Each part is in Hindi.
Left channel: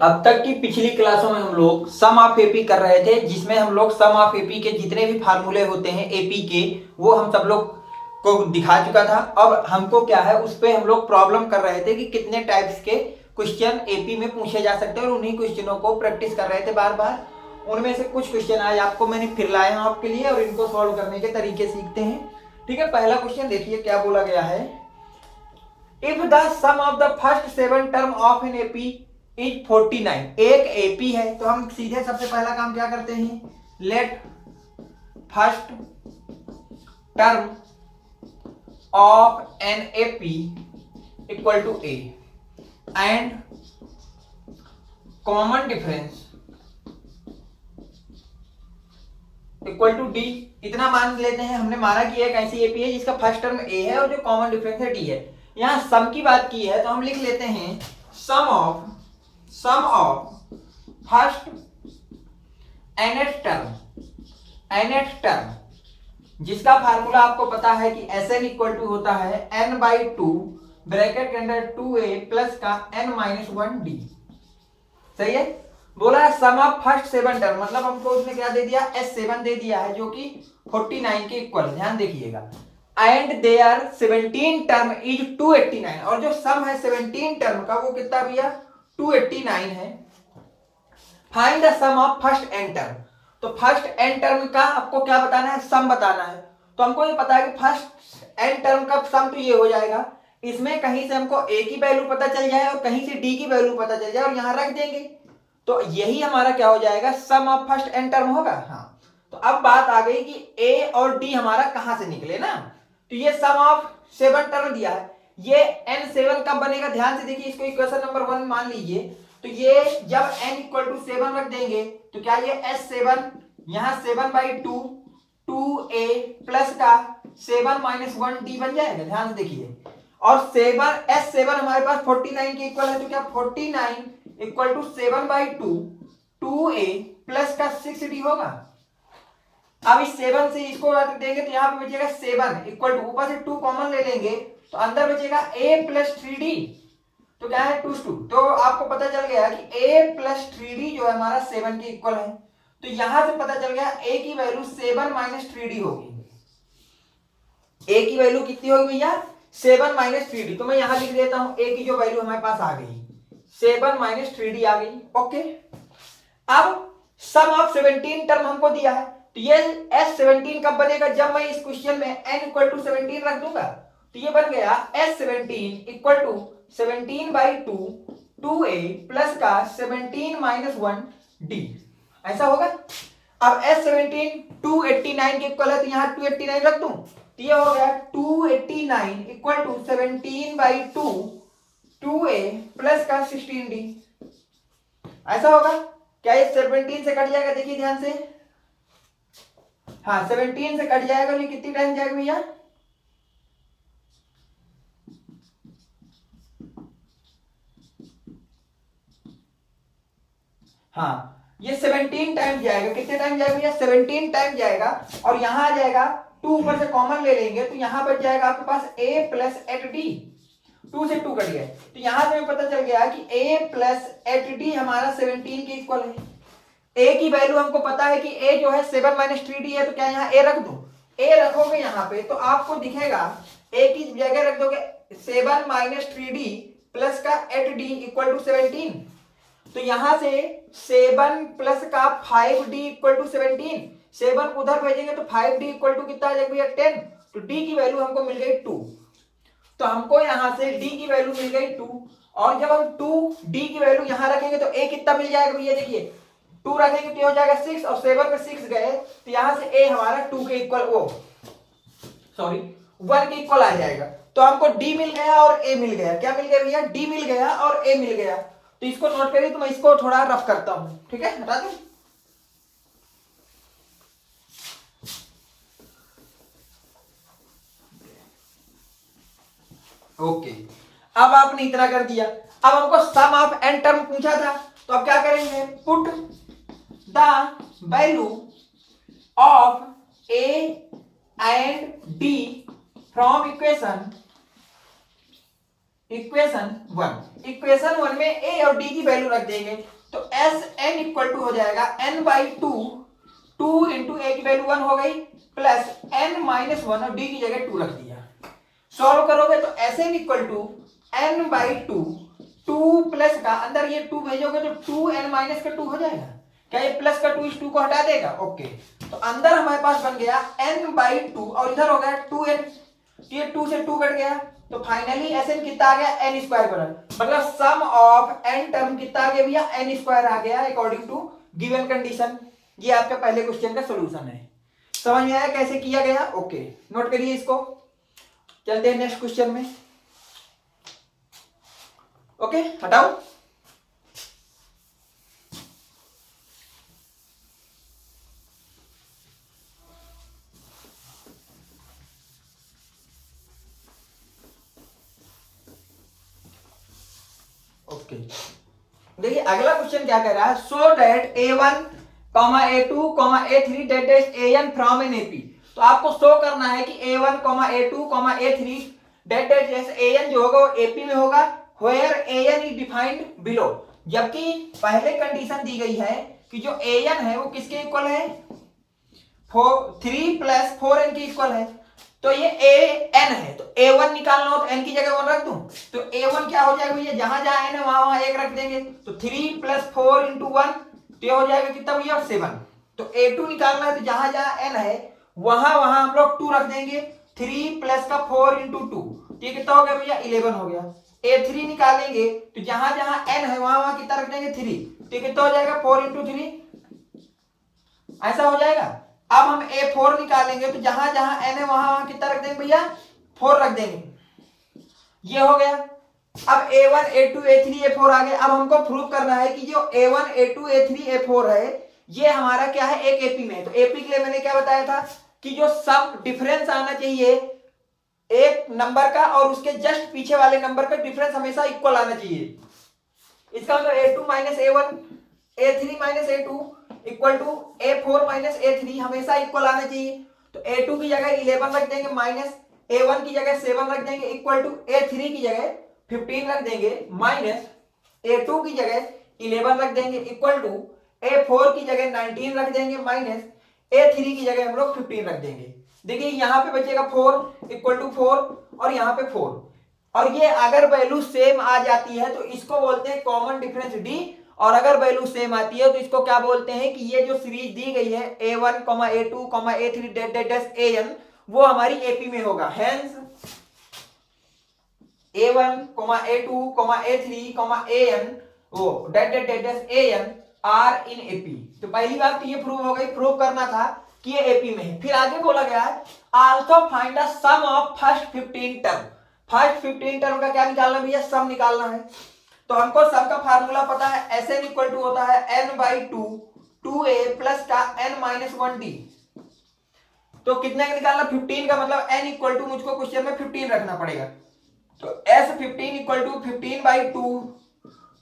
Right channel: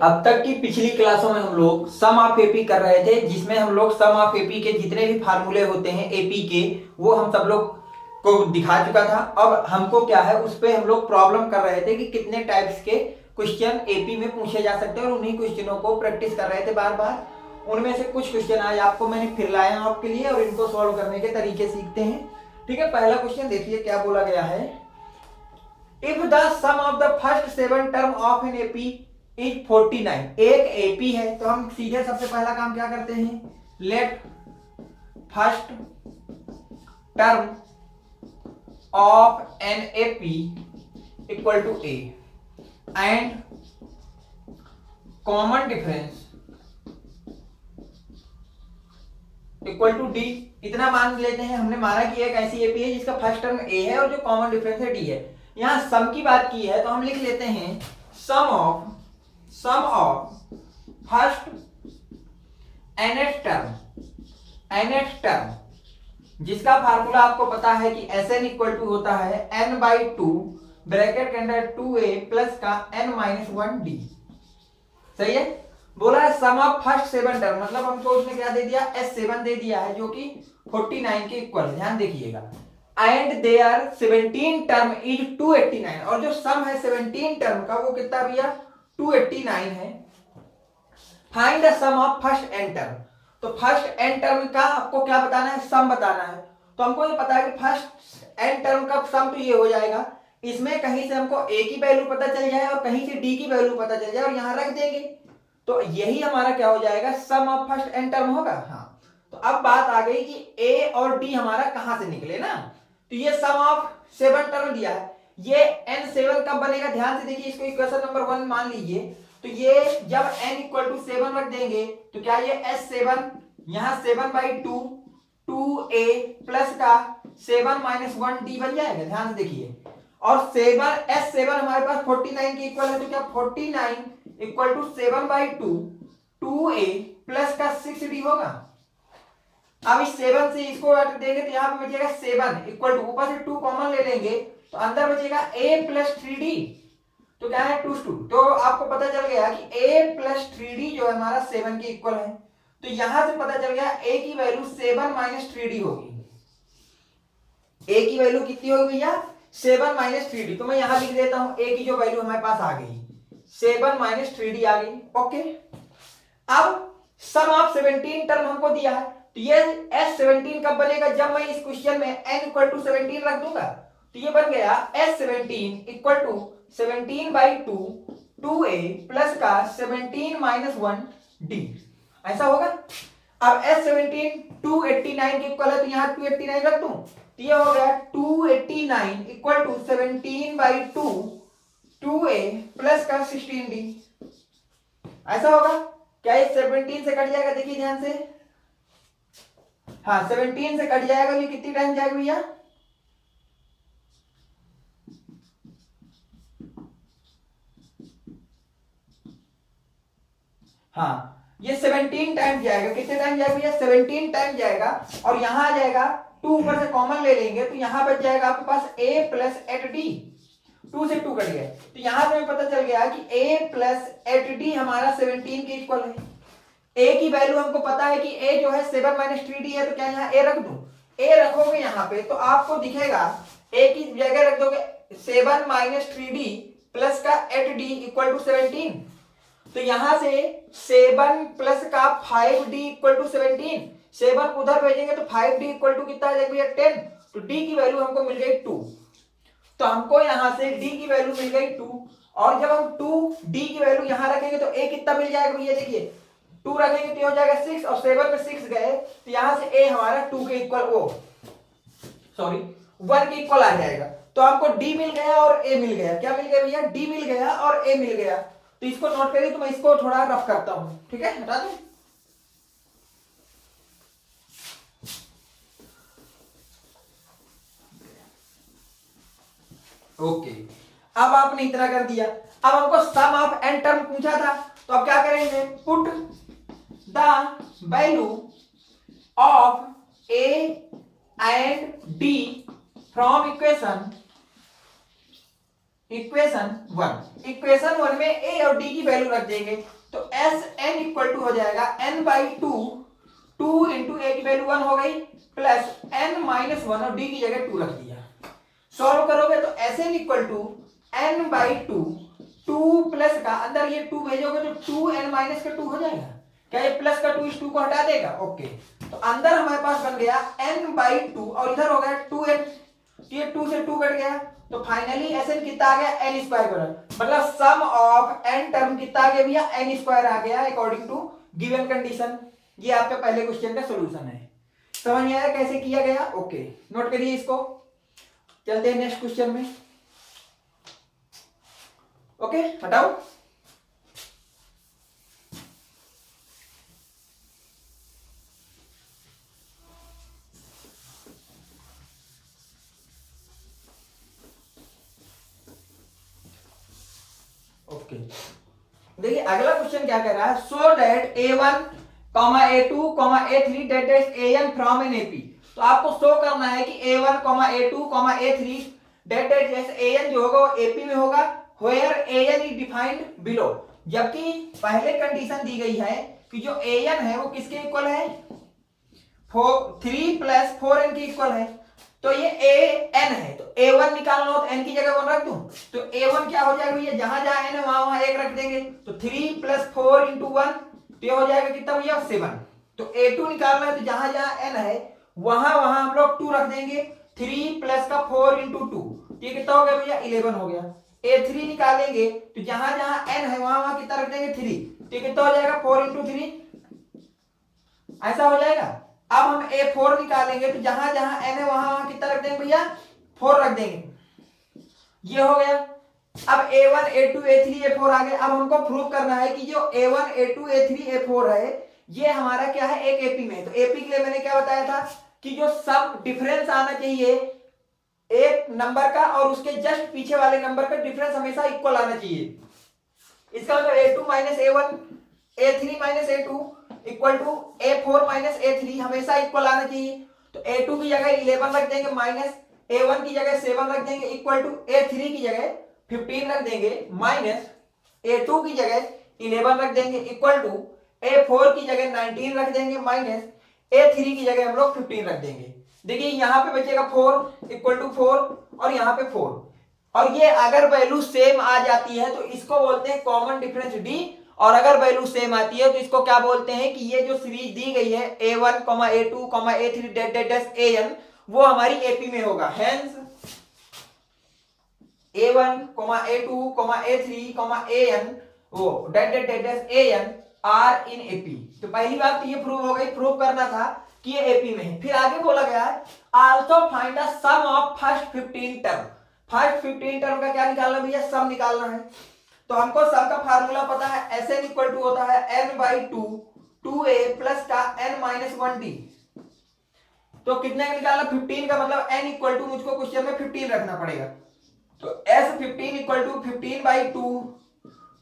अब तक की पिछली क्लासों में हम लोग सम ऑफ एपी कर रहे थे, जिसमें हम लोग सम ऑफ एपी के जितने भी फार्मूले होते हैं एपी के, वो हम सब लोग को दिखा चुका था। अब हमको क्या है, उस पे हम लोग प्रॉब्लम कर रहे थे कि कितने टाइप्स के क्वेश्चन एपी में पूछे जा सकते हैं, और उन्हीं क्वेश्चनों को प्रैक्टिस कर रहे थे बार बार। उनमें से कुछ क्वेश्चन आज आपको मैंने फिर लाए हैं आपके लिए, और इनको सॉल्व करने के तरीके सीखते हैं। ठीक है, पहला क्वेश्चन देखिए क्या बोला गया है। If the sum of the first 7 term of an AP is 49, एक एपी है तो हम सीधे सबसे पहला काम क्या करते हैं, let first term of an AP equal to A and common difference equal to D. इतना मान लेते हैं, हमने माना कि एक ऐसी एपी है जिसका फर्स्ट टर्म ए है और जो कॉमन डिफरेंस है डी है। यहां सम की बात की है तो हम लिख लेते हैं सम ऑफ फर्स्ट nth टर्म जिसका फार्मूला आपको पता है कि Sn इक्वल टू होता है n/2 ब्रैकेट के अंदर 2a प्लस का n-1d। सही है। बोला सम ऑफ फर्स्ट 7 टर्म, मतलब हमको उसमें क्या दे दिया, S7 दे दिया है जो कि 49 के इक्वल। ध्यान देखिएगा, एंड देयर 17 टर्म इज 289, और जो सम है 17 टर्म का वो कितना भैया 289 है। Find the sum of first n term, तो फर्स्ट n टर्म का आपको क्या बताना है, सम बताना है। तो हमको ये पता है कि फर्स्ट n टर्म का सम तो ये हो जाएगा, इसमें कहीं से हमको a की वैल्यू पता चल जाए और कहीं से d की वैल्यू पता चल जाए और यहां रख देंगे, तो यही हमारा क्या हो जाएगा, सम ऑफ फर्स्ट n टर्म होगा। हाँ, तो अब बात आ गई कि a और d हमारा कहां से निकले ना। तो ये सम ऑफ 7 टर्म दिया है, ये n7 कब बनेगा, ध्यान से देखिए, इसको इक्वेशन नंबर 1 मान लीजिए। तो ये जब n इक्वल टू 7 रख देंगे तो क्या ये S7 यहां 7/2 2a प्लस का 7-1d बन जाएगा। ध्यान से देखिए, और S7 हमारे पास 49 के इक्वल है, तो क्या 49 इक्वल टू 7/2 2a प्लस का 6d होगा। अब इस 7 से इसको रख देंगे तो यहां पर बचेगा 7 इक्वल टू, ऊपर से 2 कॉमन ले लेंगे तो अंदर बचेगा a प्लस 3d, तो क्या है 2 तो आपको पता चल गया कि a प्लस 3d जो है हमारा 7 के इक्वल है। तो यहां से पता चल गया a की वैल्यू 7-3d होगी। a की वैल्यू कितनी होगी भैया, 7-3d। तो मैं यहां लिख देता हूं a की जो वैल्यू हमारे पास आ गई 7-3d आ गई। ओके, अब सम ऑफ 17 टर्म हमको दिया है, तो ये S17 कब बनेगा, जब मैं इस क्वेश्चन में n इक्वल टू 17 रख दूंगा। तो ये बन गया S17 equal to 17/2 2a plus का 17-1d, ऐसा होगा। अब S17 289 के इक्वल है, तो यहां 289 रख दूं, तो ये हो गया 289 इक्वल टू 17/2 2a प्लस का 16d, ऐसा होगा। क्या ये 17 से कट जाएगा, देखिए ध्यान से, हाँ 17 से कट जाएगा, नहीं कितनी टाइम जाएगा भैया, हाँ ये 17 टाइम जाएगा। कितने टाइम जाएगा, 17 टाइम जाएगा, और यहां आ जाएगा 2 ऊपर से कॉमन ले लेंगे तो यहां बच जाएगा आपके पास a प्लस 8d, 2 से 2 कट गया, तो यहां से पता चल गया कि a प्लस 8d हमारा 17 के इक्वल है। a की वैल्यू हमको पता है कि a जो है 7-3d है, तो क्या यहाँ a रख दूं, a रखोगे यहाँ पे तो आपको दिखेगा a की जगह रख दोगे 7-3d प्लस का 8d इक्वल टू 17, तो यहां से 7 प्लस का 5d इक्वल टू 17, 7 उधर भेजेंगे तो 5d इक्वल टू कितना आ जाएगा 10, तो d की वैल्यू हमको मिल गई 2। तो हमको यहां से d की वैल्यू मिल गई 2, और जब हम 2d की वैल्यू यहां रखेंगे तो a कितना मिल जाएगा भैया, देखिए 2 रखेंगे तो हो जाएगा 6, और 7 में 6 गए तो यहां से a हमारा 2 के इक्वल 1 के इक्वल आ जाएगा। तो हमको d मिल गया और a मिल गया। क्या मिल गया भैया, d मिल गया और a मिल गया। तो इसको नोट करिए, तो मैं इसको थोड़ा रफ करता हूं, ठीक है, बता दो। ओके, अब आपने इतना कर दिया। अब हमको सम ऑफ n टर्म पूछा था, तो अब क्या करेंगे, put the value of a and d from equation equation one में ए और डी की वैल्यू रख देंगे तो एस एन इक्वल टू हो जाएगा n by two, two into a की वैल्यू 1 हो गई प्लस एन माइनस 1 और डी की जगह 2 रख दिया। सॉल्व करोगे तो S N equal to N by two, two plus का अंदर ये 2 भेजोगे तो 2n माइनस का 2 हो जाएगा। क्या ये प्लस का 2 इस 2 को हटा देगा? ओके, तो अंदर हमारे पास बन गया n बाई 2 और इधर हो गया 2n, ये 2 से 2 कट गया तो फाइनली एसएन कितना आ गया? n स्क्वायर बराबर, मतलब सम ऑफ n टर्म कितना आ गया भैया? n स्क्वायर आ गया अकॉर्डिंग टू गिवन कंडीशन। ये आपके पहले क्वेश्चन का सोल्यूशन है। समझ में आया कैसे किया गया? ओके, नोट करिए इसको। चलते हैं नेक्स्ट क्वेश्चन में। ओके, हटाओ। ओके, देखिए अगला क्वेश्चन क्या कह रहा है, so that A1, A2, A3 that is AN from in AP। तो आपको शो करना है कि A1, A2, A3 that is AN जो होगा वो AP में होगा, where AN is defined below। जबकि पहले कंडीशन दी गई है कि जो AN है वो किसके इक्वल है? 3 प्लस 4n के इक्वल है। तो ये AN है तो A1 निकालना हो तो n की जगह 1 रख दूं तो A1 क्या हो जाएगा भैया? जहां जहां n है वहां वहां 1 रख देंगे तो 3 प्लस 4 इंटू 1 तो ये हो जाएगा कितना भैया? 7। तो A2 निकालना है तो जहां जहां n है वहां वहां हम लोग 2 रख देंगे, 3 प्लस का 4 इंटू 2 ये कितना हो गया भैया? 11 हो गया। A3 निकालेंगे तो जहां जहां n है वहां वहां कितना रख देंगे? 3 तो ये कितना हो जाएगा? 4 इंटू 3 ऐसा हो जाएगा। अब हम A4 निकालेंगे तो जहां जहां n है वहां वहां कितना रख देंगे भैया? 4 रख देंगे। ये हो गया। अब A1, A2, A3, A4 आ गए। अब हमको प्रूव करना है कि जो A1, A2, A3, A4 है ये हमारा क्या है? एक AP में। तो AP के लिए मैंने क्या बताया था कि जो सब डिफरेंस आना चाहिए एक नंबर का और उसके जस्ट पीछे वाले नंबर का डिफरेंस हमेशा इक्वल आना चाहिए। इसका मतलब A2 minus A1, A3 minus A2 equal to A4 minus A3 हमेशा इक्वल आना चाहिए। तो A2 की जगह 11 रख देंगे माइनस A1 की जगह 7 रख देंगे इक्वल टू A3 की जगह 15 रख देंगे माइनस A2 की जगह 11 रख देंगे इक्वल टू A4 की जगह 19 रख देंगे माइनस A3 की जगह हम लोग 15 रख देंगे। देखिए यहाँ पे बचेगा 4 इक्वल टू 4 और यहाँ पे 4 और ये अगर वैल्यू सेम आ जाती है तो इसको बोलते हैं कॉमन डिफरेंस D और अगर वैल्यू सेम आती है तो इसको क्या बोलते हैं कि ये जो सीरीज दी गई है A1, A2, A3 date AN वो हमारी AP में होगा। Hence A1, A2, A3, AN वो dot AN are in AP। तो पहली बात तो ये प्रूव हो गई, प्रूव करना था कि ये AP में है। फिर आगे बोला गया also find the sum of first 15 term. फर्स्ट 15 टर्म का क्या निकालना भैया? सम निकालना है। तो हमको सम का फार्मूला पता है, Sn इक्वल टू होता है n बाई 2 2a प्लस का n माइनस 1d। तो कितने का निकालना? 15 का मतलब n इक्वल टू मुझको क्वेश्चन में 15 रखना पड़ेगा। तो S15 equal to 15 by 2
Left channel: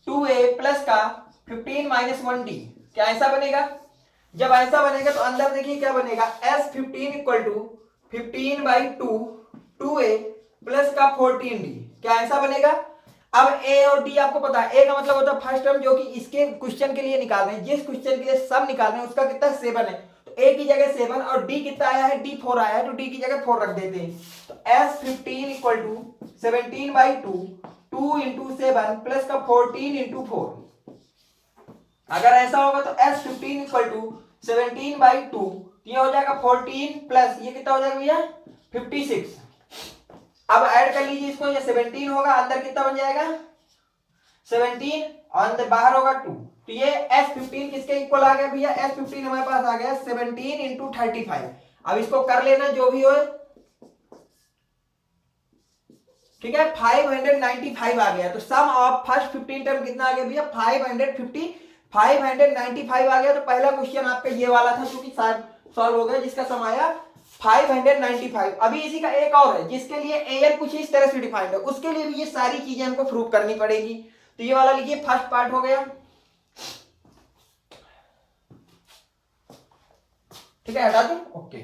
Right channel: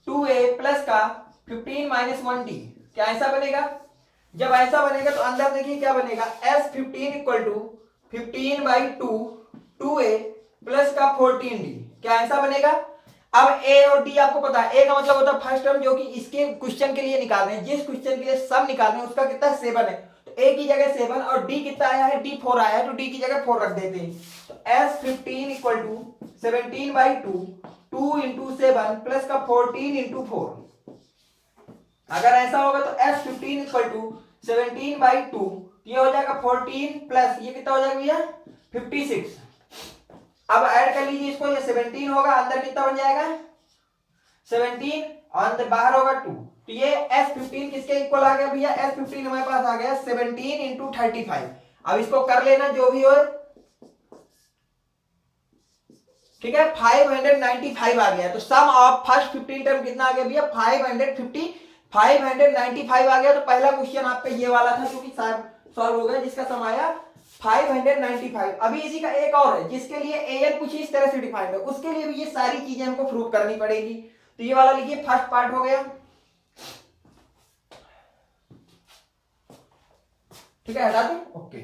2a plus का 15 माइनस 1d। क्या ऐसा बनेगा? जब ऐसा बनेगा तो अंदर देखिए क्या बनेगा, S15 equal to 15 by 2 2a plus का 14d। क्या ऐसा बनेगा? अब A और D आपको पता है, A का मतलब होता है फर्स्ट टर्म जो कि इसके क्वेश्चन के लिए निकाल रहे हैं, जिस क्वेश्चन के लिए सम निकाल रहे हैं उसका कितना 7 है। तो A की जगह 7 और D कितना आया है? D 4 आया है तो D की जगह 4 रख देते हैं। तो S15 equal to 17 by 2 2 into 7 plus का 14 इंटू 4। अगर ऐसा होगा तो S15 इक्वल टू 17 बाई 2 ये हो जाएगा 14 प्लस ये कितना हो जाएगा भैया? 56। अब ऐड कर लीजिए इसको, ये 17 होगा, अंदर कितना बन जाएगा? 17 और अंदर बाहर होगा 2। तो ये S15 किसके इक्वल आ गया भैया? S15 हमारे पास आ गया 17 इंटू 35। अब इसको कर लेना जो भी हो, ठीक है। 595 आ गया। तो सम ऑफ फर्स्ट 15 टर्म कितना आ गया भैया? 595 आ गया। तो पहला क्वेश्चन आपका ये वाला था जो कि सॉल्व हो गया, जिसका सम आया 595। अभी इसी का एक और है जिसके लिए AN कुछ इस तरह से डिफाइंड है, उसके लिए भी ये सारी चीजें हमको प्रूव करनी पड़ेगी। तो ये वाला लिखिए, फर्स्ट पार्ट हो गया, ठीक है, हटा दें। ओके,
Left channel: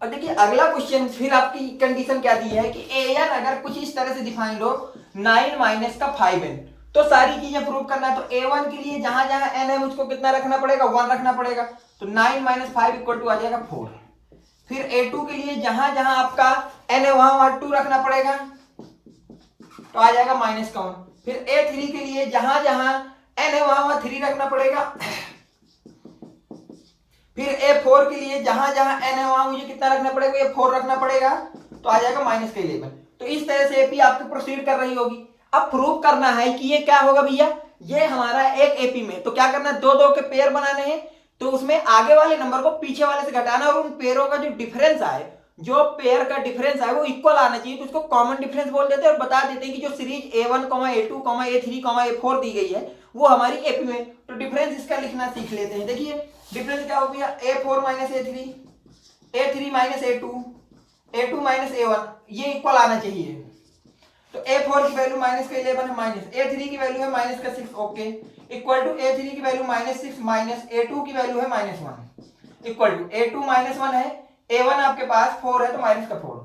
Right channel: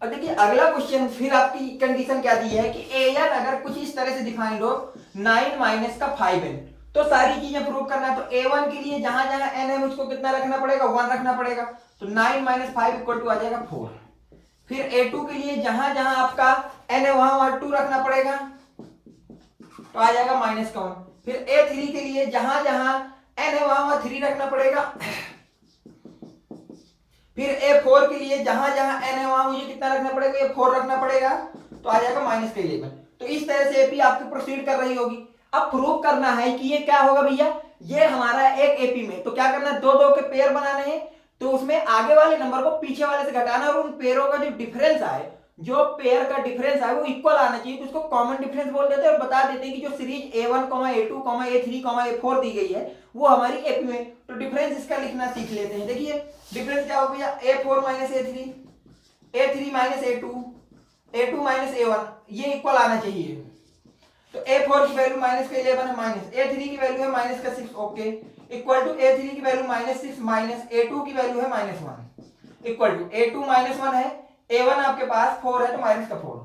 और देखिए अगला क्वेश्चन फिर आपकी कंडीशन क्या दी है कि an अगर कुछ इस तरह से डिफाइन लो 9 माइनस का 5n, तो सारी चीजें प्रूव करना है। तो a1 के लिए जहां जहां n है मुझको कितना रखना पड़ेगा, 1 रखना पड़ेगा। तो 9 माइनस 5 इक्वल टू आ जाएगा 4। फिर a2 के लिए जहां जहां आपका n है वहां 2 रखना पड़ेगा, तो आ जाएगा माइनस का 1। फिर a3 के लिए जहां जहां n है वहां 3 रखना पड़ेगा। फिर a4 के लिए जहां जहां n है वहां मुझे कितना रखना पड़ेगा, a4 रखना पड़ेगा, तो आ जाएगा माइनस का 11। तो इस तरह से एपी आपकी प्रोसीड कर रही होगी। अब प्रूव करना है कि ये क्या होगा भैया, ये हमारा एक एपी में, तो क्या करना है, दो दो के पेयर बनाने हैं। तो उसमें आगे वाले नंबर को पीछे वाले से घटाना और उन पेयरों का जो डिफरेंस आए, जो पेयर का डिफरेंस है वो इक्वल आना चाहिए, तो इसको कॉमन डिफरेंस बोल देते हैं और बता देते हैं कि जो series A1, A2, A3, A4 दी गई है वो हमारी एपी में। तो डिफरेंस इसका लिखना सीख लेते हैं। देखिए डिफरेंस क्या हो गया, A4 minus A3, A3 minus A2, A2 minus A1, ये इक्वल आना चाहिए। तो A4 की वैल्यू माइनस का 11 है, माइनस A3 की वैल्यू है माइनस का 6, ओके, इक्वल टू A3 की वैल्यू माइनस 6 माइनस A2 की वैल्यू है minus 1, equal to A2 minus 1 है, A1 आपके पास 4 है तो माइनस का 4,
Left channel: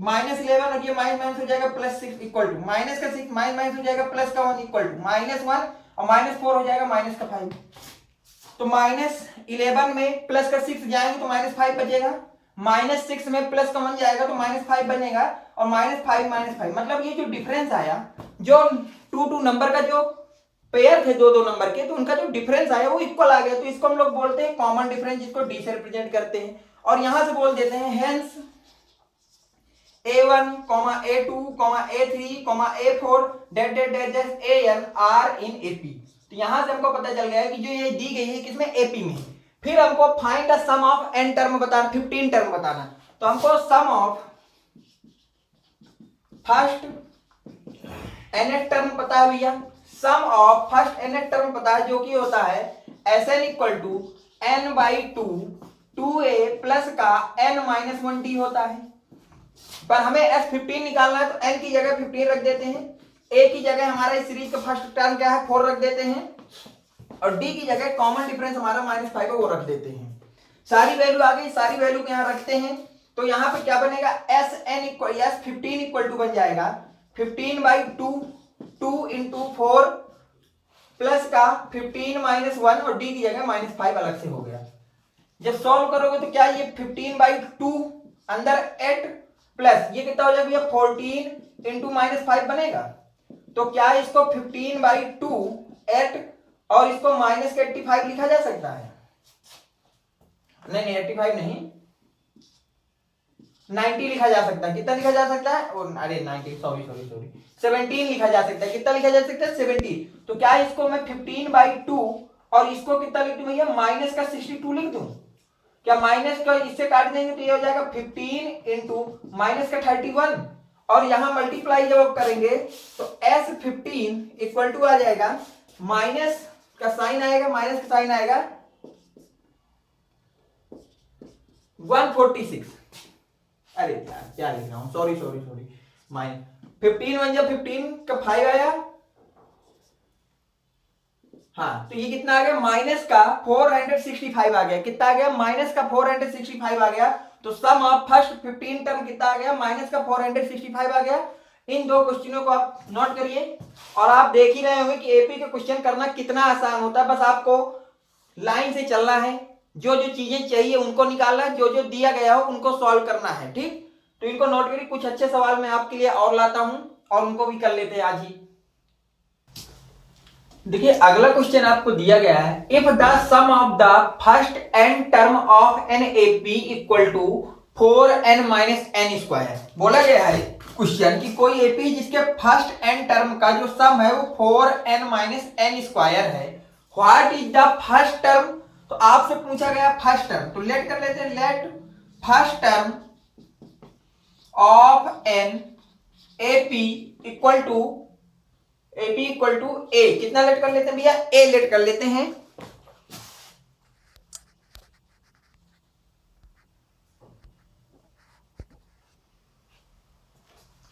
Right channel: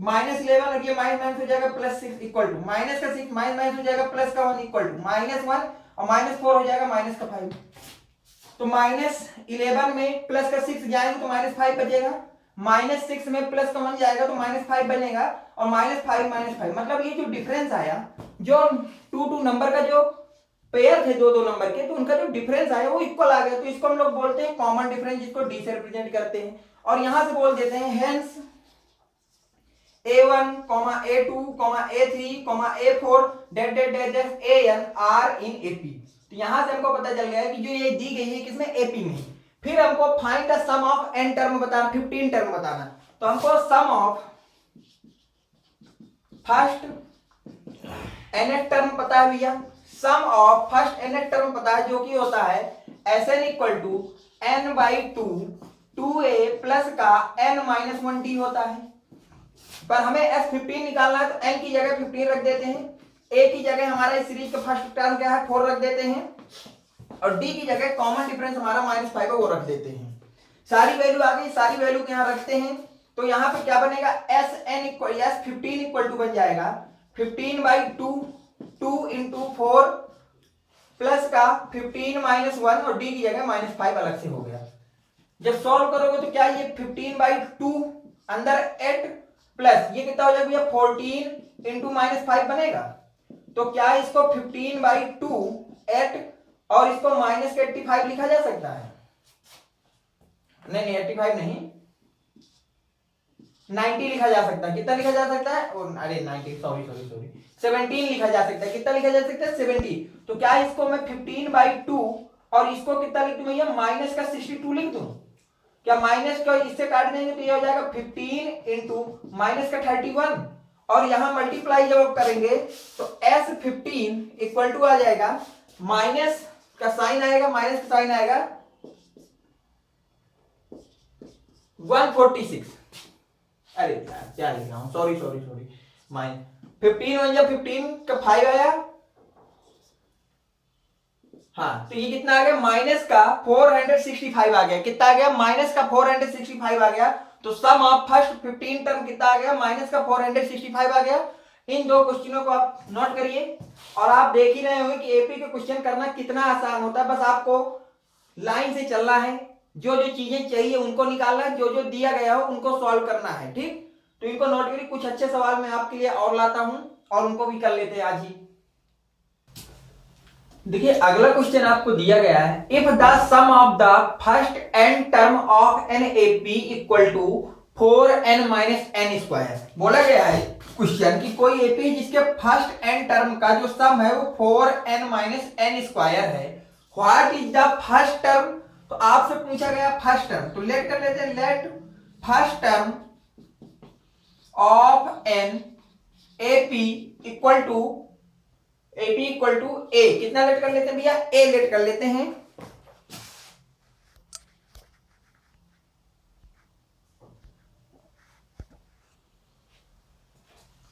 माइनस 11 और ये माइनस माइनस हो जाएगा प्लस 6, इक्वल टू माइनस का 6 माइनस माइनस हो जाएगा प्लस का 1, इक्वल टू माइनस 1 और माइनस 4 हो जाएगा माइनस का 5। तो माइनस 11 में प्लस का 6 जाएंगे तो माइनस 5 बचेगा, माइनस 6 में प्लस का 1 जाएगा तो माइनस 5 बनेगा, और माइनस 5 माइनस 5, मतलब ये जो डिफरेंस आया, जो 2 नंबर का जो पेयर थे दो नंबर के, तो उनका जो डिफरेंस आया वो इक्वल आ गया। तो इसको हम लोग बोलते हैं कॉमन डिफरेंस, जिसको डी से रिप्रेजेंट करते हैं। और यहां से बोल देते हैं hence A1, A2, A3, A4 dot dot dot dot AN are in AP। तो यहां से हमको पता चल गया कि जो ये दी गई है किसमें, AP में। फिर हमको find the sum of n term बताना, 15 टर्म बताना। तो हमको sum of first nth term पता है भैया, sum of first nth term पता है, जो कि होता है Sn equal to n by 2 2a plus का n माइनस 1d होता है। पर हमें S15 निकालना है, तो n की जगह 15 रख देते हैं, a की जगह हमारा इस सीरीज का फर्स्ट टर्म क्या है 4 रख देते हैं, और d की जगह कॉमन डिफरेंस हमारा माइनस 5 है वो रख देते हैं। सारी वैल्यू आ गई, सारी वैल्यू को यहाँ रखते हैं। तो यहाँ पे क्या बनेगा, S15 इक्वल टू बन जाएगा 15 बाई 2 2 इंटू 4 प्लस का 15 माइनस 1 और d की जगह माइनस 5 अलग से हो गया। जब सॉल्व करोगे तो क्या ये 15 बाई 2 अंदर 8 प्लस ये कितना हो जाएगा 14 इंटू माइनस 5 बनेगा। तो क्या इसको 15 बाई 2 8 और इसको माइनस के 85 लिखा जा सकता है? नहीं 85 नहीं, 90 लिखा जा सकता है। कितना लिखा जा सकता है, और अरे 90 सॉरी 17 लिखा जा सकता है। कितना लिखा जा सकता है 17। तो क्या इसको मैं 15 बाई 2 और इसको कितना लिख दूं भैया, माइनस का 62 लिख दूं? क्या माइनस का इससे काट देंगे तो ये हो जाएगा 15 इंटू माइनस का 31, और यहां मल्टीप्लाई जब करेंगे तो S15 इक्वल टू आ जाएगा, माइनस का साइन आएगा, माइनस का साइन आएगा 146। अरे यार क्या लिख रहा हूं, सॉरी माइनस 15 1 15 का 5 आया, हाँ, तो ये कितना आ गया, माइनस का 465 आ गया। कितना आ गया, माइनस का 465 आ गया। तो सम ऑफ फर्स्ट 15 टर्म कितना आ गया, माइनस का 465 आ गया। इन दो क्वेश्चनों को आप नोट करिए, और आप देख ही रहे होंगे कि एपी का क्वेश्चन करना कितना आसान होता है। बस आपको लाइन से चलना है, जो जो चीजें चाहिए उनको निकालना है, जो जो दिया गया हो उनको सॉल्व करना है, ठीक। तो इनको नोट करिए। कुछ अच्छे सवाल मैं आपके लिए और लाता हूं और उनको भी कर लेते हैं आज ही। देखिए अगला क्वेश्चन आपको दिया गया है, if the sum of the first n term of an AP equal to 4n minus n square. बोला गया है क्वेश्चन कि कोई एपी जिसके फर्स्ट n टर्म का जो सम है वो 4n माइनस n स्क्वायर है, what is the first term. तो आपसे पूछा गया फर्स्ट टर्म, तो लेट कर लेते हैं, let first term of an AP equal to AP equal to A। कितना लेट कर लेते हैं भैया, A लेट कर लेते हैं।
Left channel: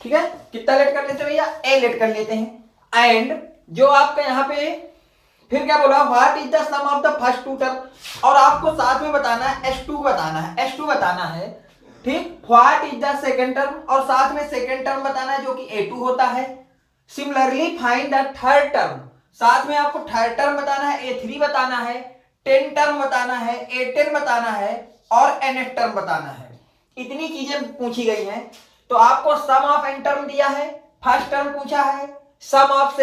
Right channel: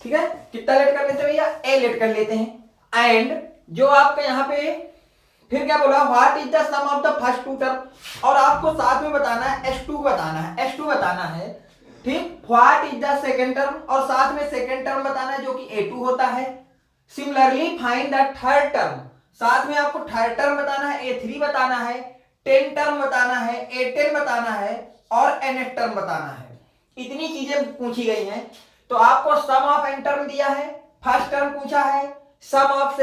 ठीक है, कितना लेट कर लेते हैं भैया, A लेट कर लेते हैं। एंड जो आपका यहाँ पे फिर क्या बोला, what is the sum of the first two term, और आपको साथ में बताना है S2 बताना है, S2 बताना है ठीक, what is the second term, और साथ में सेकेंड टर्म बताना है जो कि A2 होता है। Similarly find the third term, साथ में आपको थर्ड टर्म बताना है, A3 बताना है, 10 टर्म बताना है, A10 बताना है और nth टर्म बताना है। इतनी चीजें पूछी गई हैं। तो आपको सम ऑफ n टर्म दिया है, फर्स्ट टर्म पूछा है, सम ऑफ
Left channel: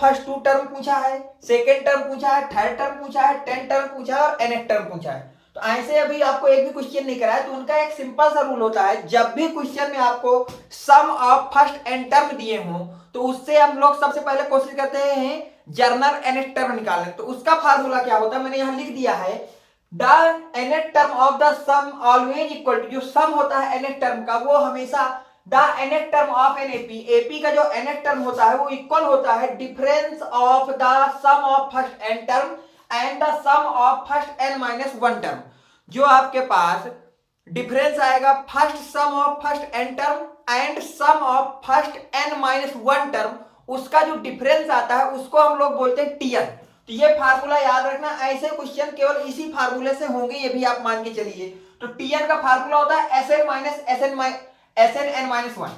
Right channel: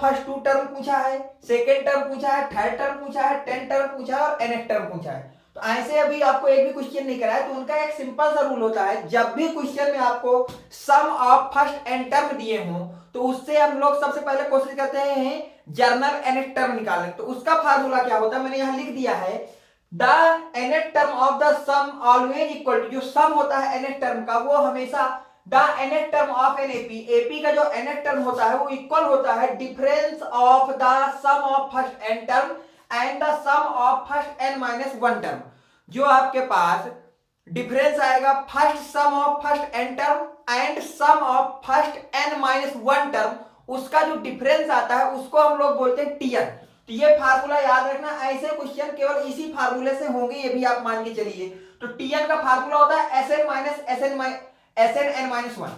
फर्स्ट 2 टर्म पूछा है, सेकेंड टर्म पूछा है, थर्ड टर्म पूछा है, 10 टर्म पूछा है और nth टर्म पूछा है। तो ऐसे अभी आपको एक भी क्वेश्चन नहीं कराया, तो उनका एक सिंपल सा रूल होता है, जब भी क्वेश्चन में आपको सम ऑफ फर्स्ट n टर्म दिए हों तो उससे हम लोग सबसे पहले कोशिश करते हैं जर्नल nth टर्म निकालने। तो उसका फार्मूला क्या होता है, मैंने यहां लिख दिया है, the nth term of the sum always equal to, जो सम होता है nth टर्म का वो हमेशा the nth term of an AP का जो nth टर्म होता है वो इक्वल होता है difference of the sum of first n term and the sum of first n minus 1 term. जो आपके पास डिफरेंस आएगा first sum of first n term and sum of first n minus 1 term, उसका जो डिफरेंस आता है उसको हम लोग बोलते हैं टीएन। तो ये फार्मूला याद रखना, ऐसे क्वेश्चन केवल इसी फार्मूले से होंगे, ये भी आप मान के चलिए। तो टीएन का फार्मूला होता है एस एन माइनस 1।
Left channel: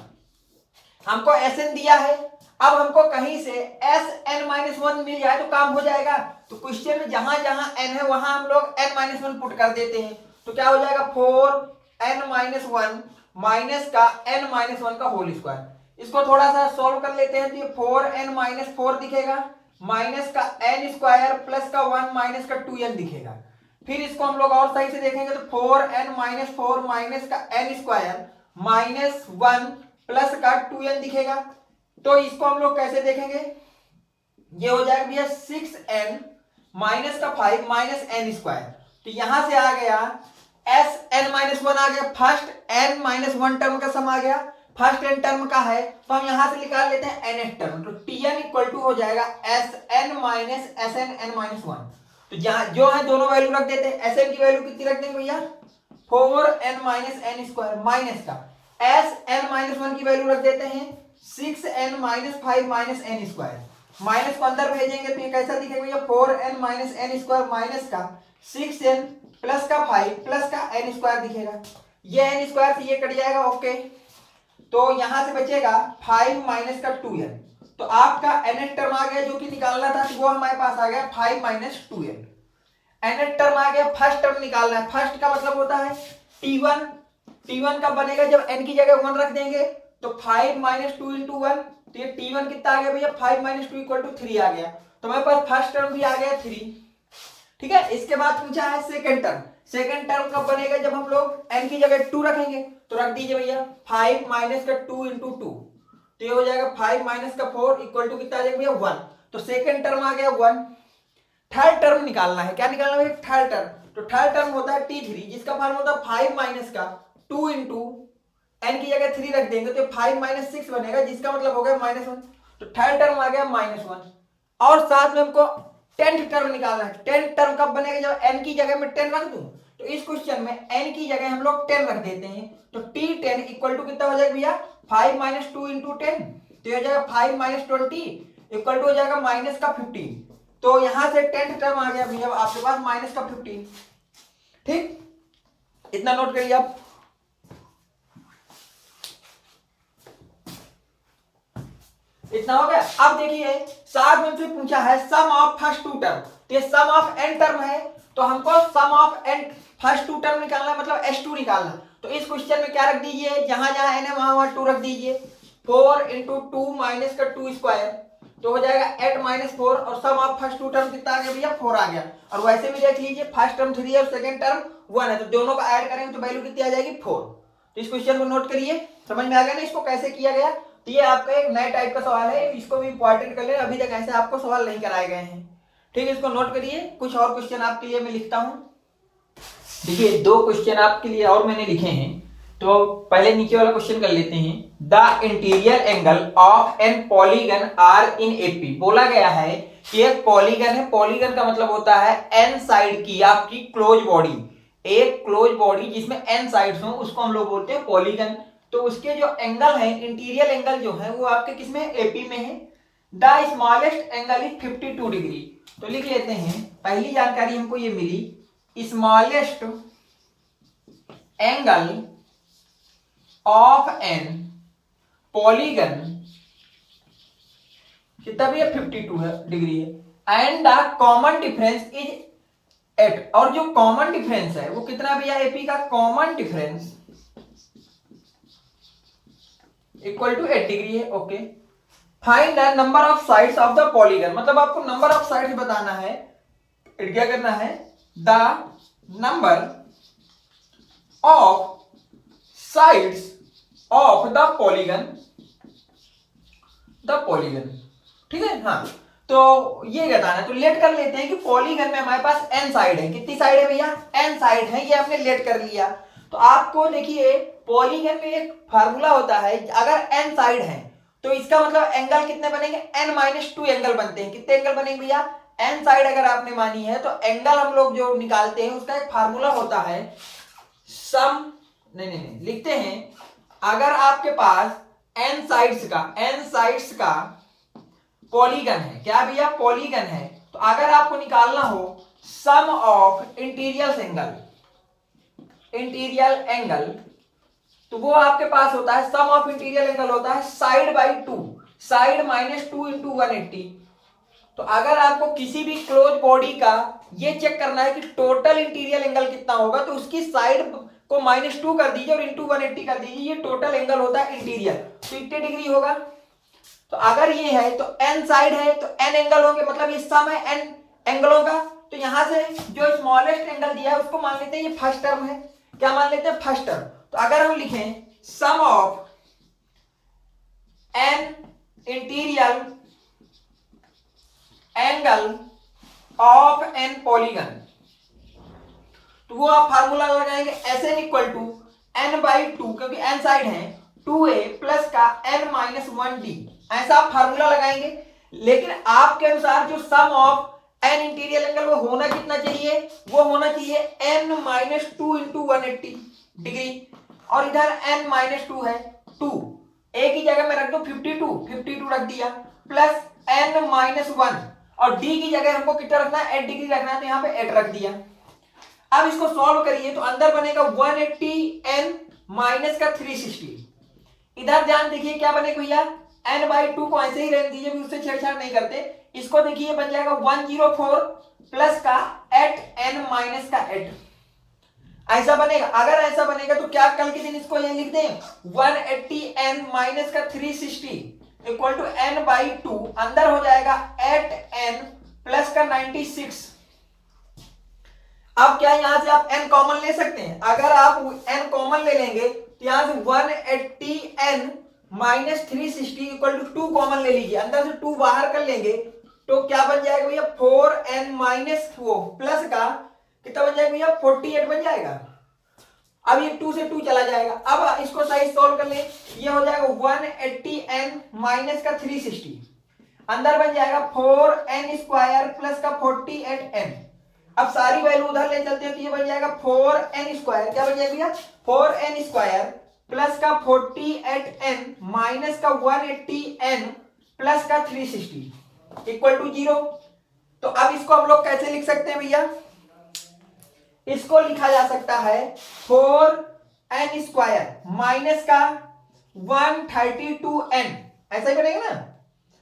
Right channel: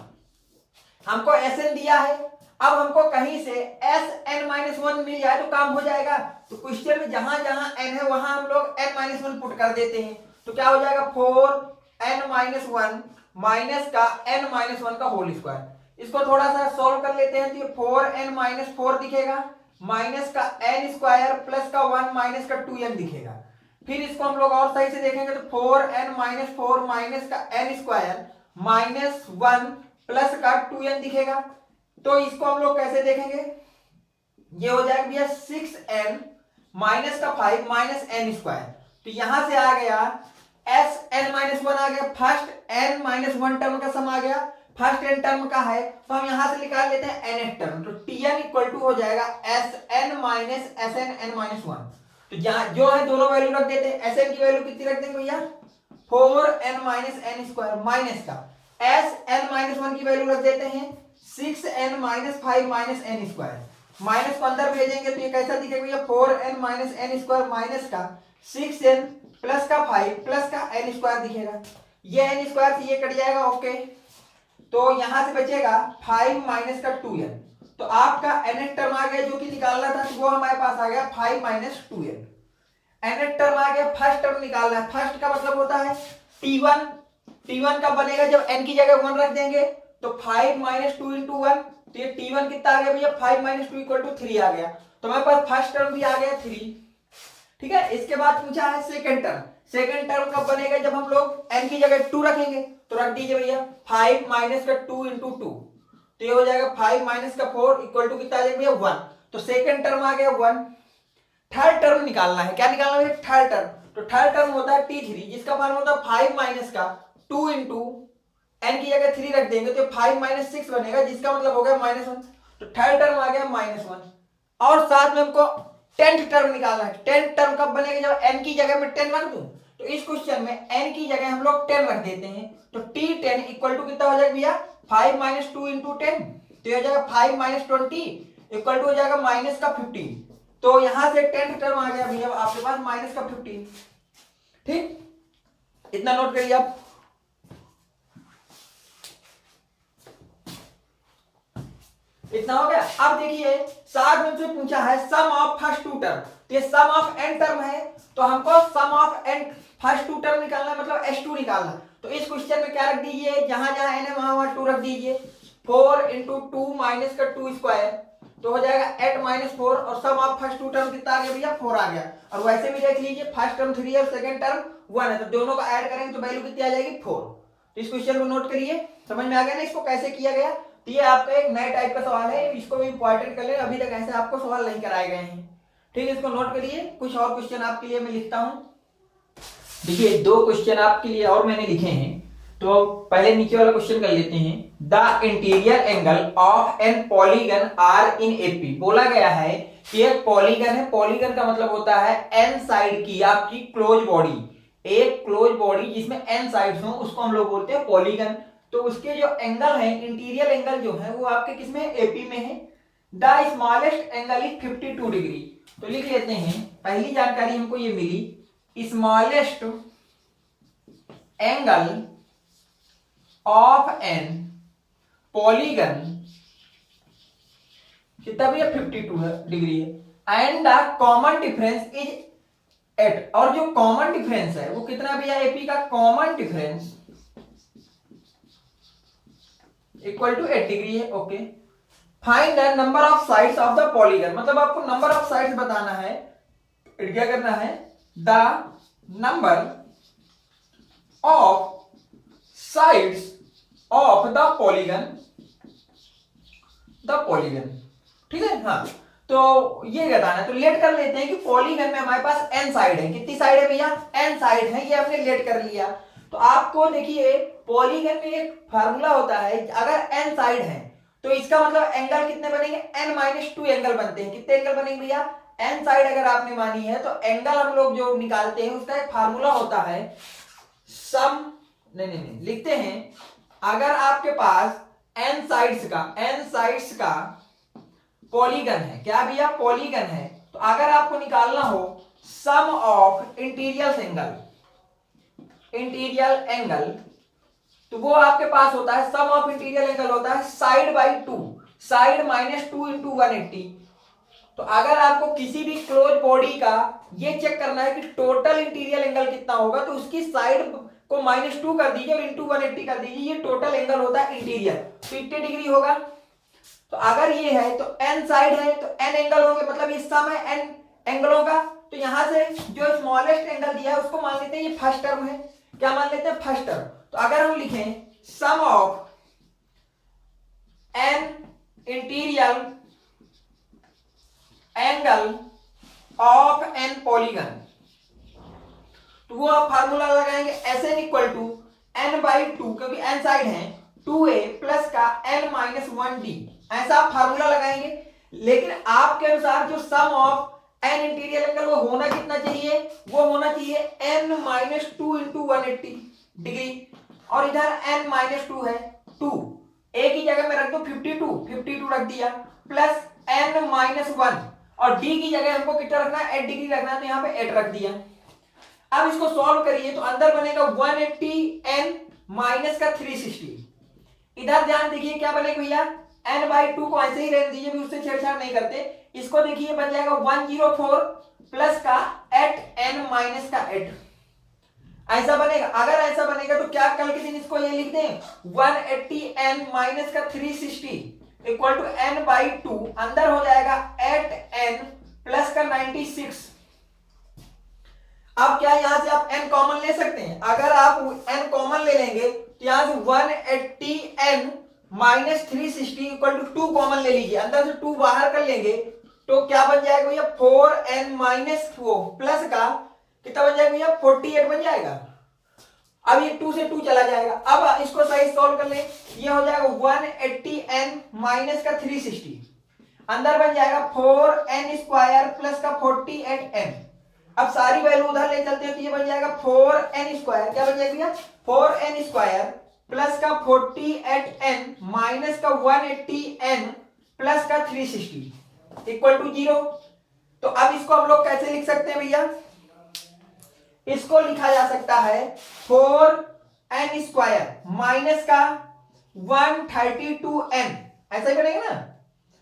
हमको एस एन दिया है, अब हमको कहीं से एस एन माइनस 1 मिल जाए तो काम हो जाएगा। तो क्वेश्चन में जहां जहां एन है वहां हम लोग एन माइनस 1 पुट कर देते हैं। तो क्या हो जाएगा 4n माइनस 1 माइनस का n माइनस 1 का होल स्क्वायर। इसको थोड़ा सा सोल्व कर लेते हैं। तो 4n माइनस 4 दिखेगा, माइनस का n स्क्वायर प्लस का 1 माइनस का 2n दिखेगा। फिर इसको हम लोग और सही से देखेंगे तो 4n माइनस 4 माइनस का n स्क्वायर माइनस 1 प्लस का 2n दिखेगा। तो इसको हम लोग कैसे देखेंगे, ये हो जाएगा भैया 6n माइनस का 5 माइनस n स्क्वायर। तो यहां से आ गया एस एन माइनस 1 आ गया, फर्स्ट n माइनस 1 टर्म का सम आ गया, फर्स्ट n टर्म का है तो हम यहां से निकाल लेते हैं nth टर्म। तो tn इक्वल टू हो जाएगा S N minus S N N minus 1। तो जहां जो है दोनों वैल्यू रख देते हैं। एस एन की वैल्यू कितनी रख देंगे भैया 4n minus n square minus का एस एन माइनस 1 की वैल्यू रख देते हैं 6n minus 5 minus n square. Minus को अंदर भेजेंगे तो ये कैसा दिखेगा भैया 4n minus n square minus का 6n प्लस का 5 प्लस का n स्क्वायर दिखेगा। ये n स्क्वायर से ये कट जाएगा, ओके। तो यहां से बचेगा 5 माइनस का 2n। तो आपका nth टर्म आ गया जो कि निकालना था, वो हमारे पास आ गया 5 माइनस 2n। nth टर्म आ गया, फर्स्ट टर्म निकालना है। फर्स्ट का मतलब होता है t1। t1 का बनेगा जब n की जगह 1 रख देंगे तो 5 माइनस 2 इंटू 1। तो ये t1 कितना आ गया भैया 5 माइनस 2 इक्वल टू 3 आ गया। तो हमारे पास फर्स्ट टर्म भी आ गया 3, ठीक है। इसके बाद पूछा है सेकंड टर्म। सेकंड टर्म कब बनेगा जब हम लोग n की जगह 2 रखेंगे। तो रख दीजिए भैया 5 माइनस का 2 इंटू 2। तो ये हो जाएगा 5 माइनस का 4 इक्वल टू कितना आ जाएगा भैया 1। तो सेकंड टर्म आ गया 1। थर्ड टर्म निकालना है, क्या निकालना है थर्ड टर्म। तो थर्ड टर्म होता है t3 जिसका फॉर्मूला होता है 5 माइनस का 2 इंटू n की जगह 3 रख देंगे तो 5 माइनस 6 बनेगा जिसका मतलब हो गया माइनस 1। तो थर्ड टर्म आ गया माइनस 1। और साथ में हमको 10th टर्म निकालना है। 10th टर्म कब बनेगा जब n की जगह में 10 रख दूं। तो इस क्वेश्चन में n की जगह हम लोग 10 रख देते हैं। तो t10 इक्वल टू कितना हो जाएगा भैया 5 माइनस 2 इंटू 10। तो हो जाएगा 5 माइनस 20 इक्वल टू हो जाएगा माइनस का 15। तो यहां से 10th टर्म आ गया भैया आपके पास माइनस का 15। ठीक, इतना नोट करिए आप। इतना हो गया। अब देखिए साथ में फिर पूछा है सम ऑफ फर्स्ट 2 टर्म। तो ये सम ऑफ n टर्म है तो हमको sum of n first 2 term निकालना मतलब s2 निकालना। तो इस क्वेश्चन में क्या रख दीजिए, जहां जहां n है वहां वहां 2 रख दीजिए। 4 इंटू 2 माइनस का 2 स्क्वायर तो हो जाएगा 8 माइनस 4। और सम ऑफ फर्स्ट 2 टर्म कितना आ गया भैया 4 आ गया। और वैसे भी देख लीजिए फर्स्ट टर्म 3 है और सेकंड टर्म 1 है, तो दोनों को ऐड करेंगे तो वैल्यू कितनी आ जाएगी 4। तो इस क्वेश्चन को नोट करिए, समझ में आ गया ना इसको कैसे किया गया। तो ये आपका एक नए टाइप का सवाल है, इसको भी इंपॉर्टेंट कर ले, अभी तक ऐसे आपको सवाल नहीं कराए गए हैं। ठीक है, इसको नोट करिए। कुछ और क्वेश्चन आपके लिए मैं लिखता हूं। देखिए 2 क्वेश्चन आपके लिए और मैंने लिखे हैं। तो पहले नीचे वाला क्वेश्चन कर लेते हैं। The interior angle of an polygon are in AP. बोला गया है कि एक पॉलीगन है, पॉलीगन का मतलब होता है एन साइड की आपकी क्लोज बॉडी। एक क्लोज बॉडी जिसमें एन साइड्स हो उसको हम लोग बोलते हैं पॉलीगन। तो उसके जो एंगल है इंटीरियर एंगल जो है वो आपके किसमें एपी में है। The smallest angle is 52 degree. तो लिख लेते हैं, पहली जानकारी हमको ये मिली smallest angle of an polygon कितना भी है 52 डिग्री है and the common difference is 8 और जो कॉमन डिफरेंस है वो कितना भैया एपी का common difference equal to 8 degree है। Okay find the number of sides of the polygon मतलब आपको नंबर ऑफ साइड्स बताना है क्या करना है the number of sides of the polygon ठीक है। हाँ तो ये बताना है तो लेट कर लेते हैं कि पॉलीगन में हमारे पास n साइड है कितनी साइड है भैया n साइड है ये हमने लेट कर लिया। तो आपको देखिए पॉलीगन में एक फार्मूला होता है अगर n साइड है तो इसका मतलब एंगल कितने बनेंगे n-2 एंगल बनते हैं। कितने एंगल बनेंगे भैया n साइड अगर आपने मानी है तो एंगल हम लोग जो निकालते हैं उसका एक फार्मूला होता है सम नहीं लिखते हैं अगर आपके पास n साइड्स का पॉलीगन है क्या भैया पॉलीगन है तो अगर आपको निकालना हो सम ऑफ इंटीरियर एंगल तो वो आपके पास होता है सम ऑफ इंटीरियर एंगल होता है साइड बाई 2 साइड -2 × 180। तो अगर आपको किसी भी क्लोज बॉडी का ये चेक करना है कि टोटल इंटीरियर एंगल कितना होगा तो उसकी साइड को -2 कर दीजिए और इंटू 180 कर दीजिए ये टोटल एंगल होता है इंटीरियर तो कितने डिग्री होगा। तो अगर ये है तो n साइड है तो n एंगल होंगे मतलब ये सम है n एंगलों का। तो यहां से जो स्मॉलेस्ट एंगल दिया है उसको मान लेते हैं ये फर्स्ट टर्म है क्या मान लेते हैं फर्स्ट टर्म। तो अगर हम लिखें sum of n interior angle of n polygon तो वो आप फार्मूला लगाएंगे Sn इक्वल टू n/2 क्योंकि n साइड है 2a प्लस का n-1d ऐसा आप फार्मूला लगाएंगे। लेकिन आपके अनुसार जो सम ऑफ n इंटीरियर एंगल वो होना कितना चाहिए वो होना चाहिए n-2 × 180 डिग्री और इधर n-2 है 2 a की जगह में रख दो 52 रख दिया प्लस n-1 और d की जगह हमको कितना रखना है 8 डिग्री रखना है तो यहाँ पे 8 रख दिया। अब इसको सॉल्व करिए तो अंदर बनेगा 180 n माइनस का 360 इधर ध्यान देखिए क्या बनेगा भैया n/2 को ऐसे ही रहने दीजिए भी उससे छेड़छाड़ नहीं करते। इसको देखिए बन जाएगा 104 प्लस का 8n माइनस का 8 ऐसा बनेगा। अगर ऐसा बनेगा तो क्या कल के दिन इसको ये लिख दें 180n माइनस का 360 इक्वल टू n/2 अंदर हो जाएगा 8n प्लस का 96। अब क्या यहां से आप n कॉमन ले सकते हैं अगर आप n कॉमन ले लेंगे तो यहां से 180n minus 360 equal to 2 common ले लीजिए अंदर से 2 बाहर कर लेंगे तो क्या बन जाएगा भैया 4n माइनस 4 प्लस का कितना बन जाएगा भैया 48 बन जाएगा। अब ये 2 से 2 चला जाएगा। अब इसको सही सॉल्व कर ले ये हो जाएगा 180n माइनस का 360 अंदर बन जाएगा 4n स्क्वायर प्लस का 48n। अब सारी वैल्यू उधर ले चलते हैं तो ये बन जाएगा 4n स्क्वायर क्या बन जाएगा 4n स्क्वायर प्लस का 48n माइनस का 180n प्लस का 360 इक्वल टू 0। तो अब इसको हम लोग कैसे लिख सकते हैं भैया इसको लिखा जा सकता है 4n स्क्वायर माइनस का 132n ऐसा ही बनेगा ना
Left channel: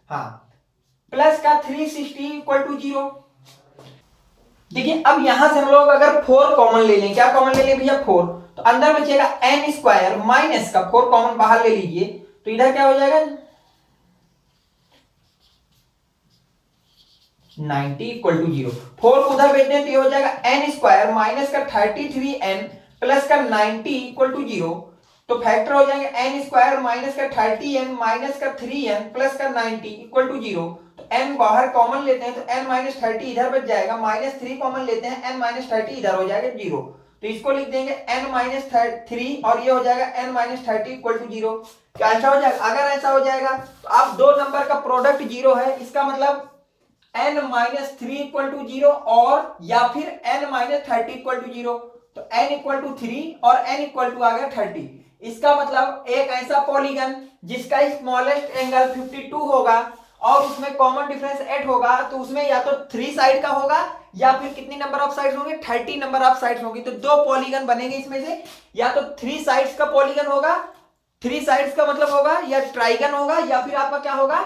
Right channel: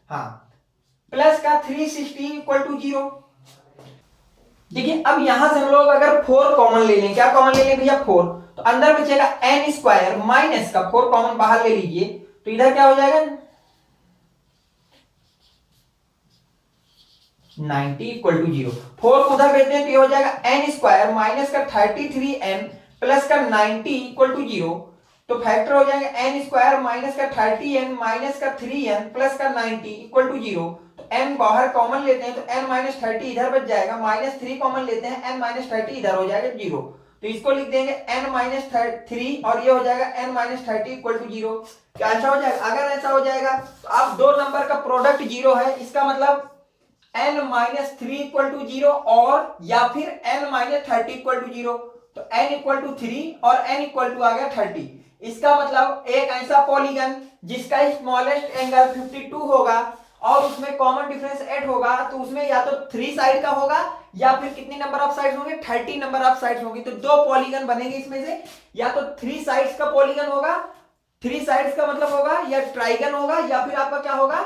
हाँ प्लस का 360 इक्वल टू 0। देखिए अब यहां से हम लोग अगर 4 कॉमन ले लें क्या कॉमन ले लें भैया 4 तो अंदर बचेगा n स्क्वायर माइनस का 4 कॉमन बाहर ले लीजिए तो इधर क्या हो जाएगा 90 इक्वल टू 0 4 को उधर भेजते हैं तो ये हो जाएगा n स्क्वायर माइनस का 33n प्लस का 90 इक्वल टू 0। तो फैक्टर हो जाएगा n स्क्वायर माइनस का 30n माइनस का 3n प्लस का 90 इक्वल टू 0। तो n बाहर कॉमन लेते हैं तो n-30 इधर बच जाएगा -3 कॉमन लेते हैं n-30 इधर हो जाएगा 0। तो इसको लिख देंगे n-3 और ये हो जाएगा n-30 इक्वल टू 0। ऐसा हो जाएगा। अगर ऐसा हो जाएगा तो आप दो नंबर का प्रोडक्ट 0 है इसका मतलब n-3 इक्वल टू 0 और या फिर n-30 इक्वल टू 0। तो n इक्वल टू 3 और n इक्वल टू आ गया 30। इसका मतलब एक ऐसा पॉलीगन जिसका स्मॉलेस्ट एंगल 52 होगा और उसमें कॉमन डिफरेंस 8 होगा, तो उसमें या तो 3 साइड का होगा या फिर कितने नंबर ऑफ साइड्स होंगे, 30 नंबर ऑफ साइड्स होंगी। तो 2 पॉलीगन बनेंगे इसमें से, या तो 3 साइड्स का पॉलीगन होगा, 3 साइड्स का मतलब होगा या ट्राइगन होगा, या फिर आपका क्या होगा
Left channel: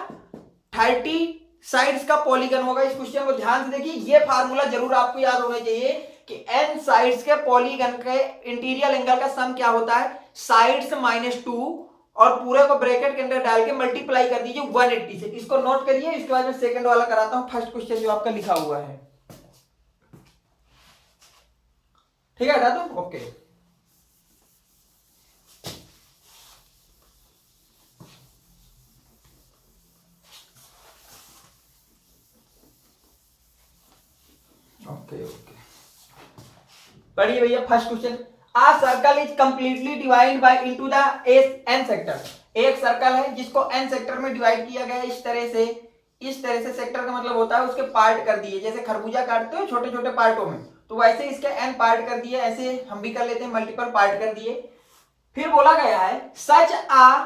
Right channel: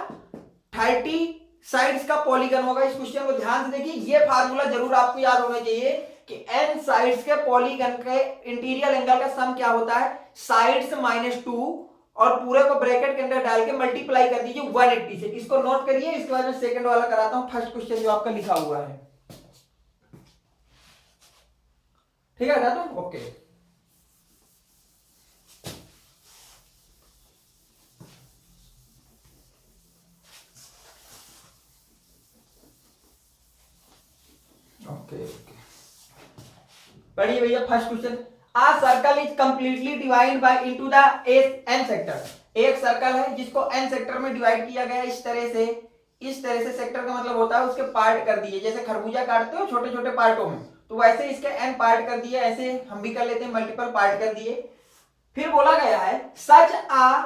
30 साइड्स का पॉलीगन होगा। इस क्वेश्चन को ध्यान से देखिए, ये फार्मूला जरूर आपको याद होना चाहिए कि n साइड्स के पॉलीगन के इंटीरियर एंगल का सम क्या होता है, साइड्स -2 और पूरे को ब्रैकेट के अंदर डाल के मल्टीप्लाई कर दीजिए 180 से। इसको नोट करिए, इसके बाद मैं सेकंड वाला कराता हूं, फर्स्ट क्वेश्चन जो आपका लिखा हुआ है। ठीक है दादा, ओके। ओके पढ़िए भैया first question. A circle is completely divide by into the n sector. एक सर्कल है जिसको एन सेक्टर में डिवाइड किया गया है इस तरह से। सेक्टर का मतलब होता है उसके पार्ट कर दिए, जैसे खरबूजा काटते हो छोटे छोटे पार्टों में, तो वैसे इसके एन पार्ट कर दिए। ऐसे हम भी कर लेते हैं, मल्टीपल पार्ट कर दिए। फिर बोला गया है such uh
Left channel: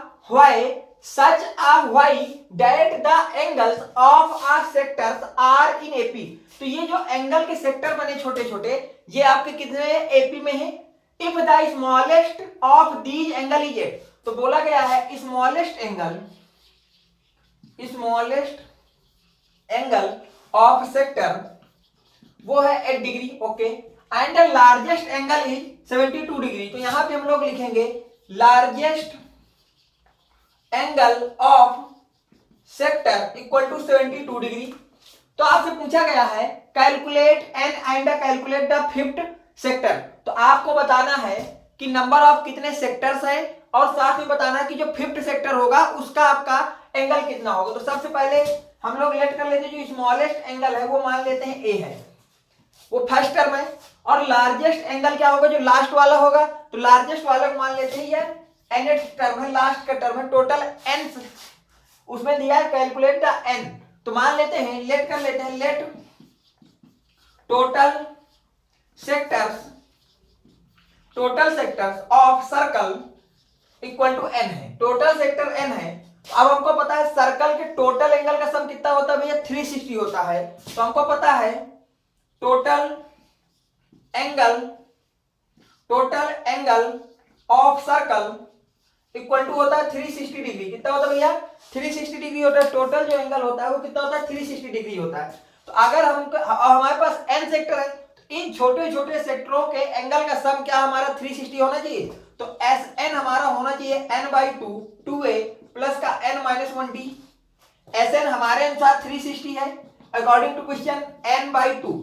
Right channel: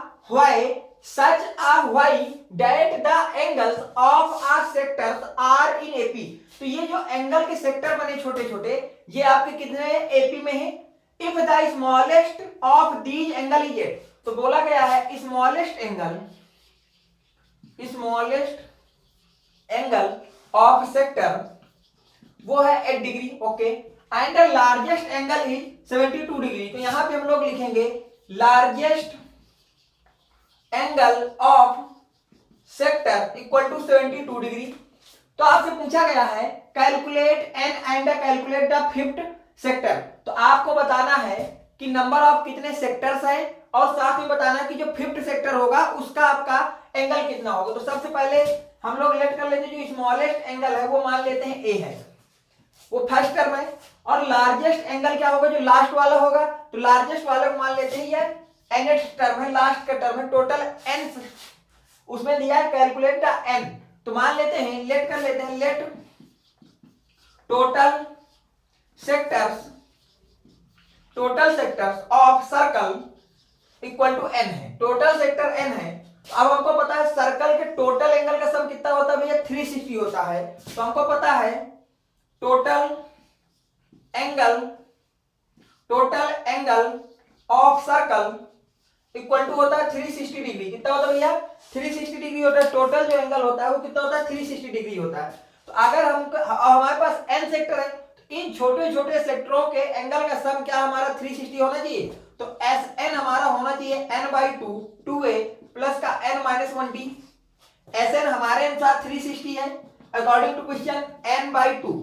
why that the angles of uh sectors are in AP. तो ये जो एंगल के सेक्टर बने छोटे छोटे, ये आपके कितने एपी में है। If the smallest of these angle is 8, तो बोला गया है स्मॉलेस्ट एंगल ऑफ सेक्टर वो है 8 degree, okay. And the largest angle is 72 degree. तो यहां पे हम लोग लिखेंगे largest angle of sector equal to 72 degree. तो आपसे पूछा गया है calculate n and calculate the fifth sector. तो आपको बताना है कि नंबर ऑफ कितने सेक्टर्स हैं और साथ में बताना है कि जो फिफ्थ सेक्टर होगा उसका आपका एंगल कितना होगा। तो सबसे पहले हम लोग लेट कर लेते हैं, जो स्मॉलेस्ट एंगल है वो मान लेते हैं ए है, वो फर्स्ट टर्म है। और लार्जेस्ट एंगल क्या होगा, जो लास्ट वाला होगा, तो लार्जेस्ट वाला को मान लेते हैं ये nth टर्म है, लास्ट का टर्म है। टोटल n उसमें दिया है कैलकुलेट द n, तो मान लेते हैं लेट कर लेते हैं, let total sectors of circle equal to n है। टोटल सेक्टर n है। अब हमको पता है सर्कल के टोटल एंगल का सम कितना होता है भैया, 360 होता है। तो हमको पता है total angle of circle equal to होता है 360 डिग्री। कितना होता है भैया, 360 डिग्री होता है। टोटल जो एंगल होता है वो कितना होता है, 360 डिग्री होता है। तो अगर हमारे पास n सेक्टर है, तो इन छोटे छोटे सेक्टरों के एंगल का सम क्या हमारा 360 होना चाहिए। तो Sn हमारा होना चाहिए n/2 2a प्लस का n-1d। Sn हमारे अनुसार 360 है according to question, n/2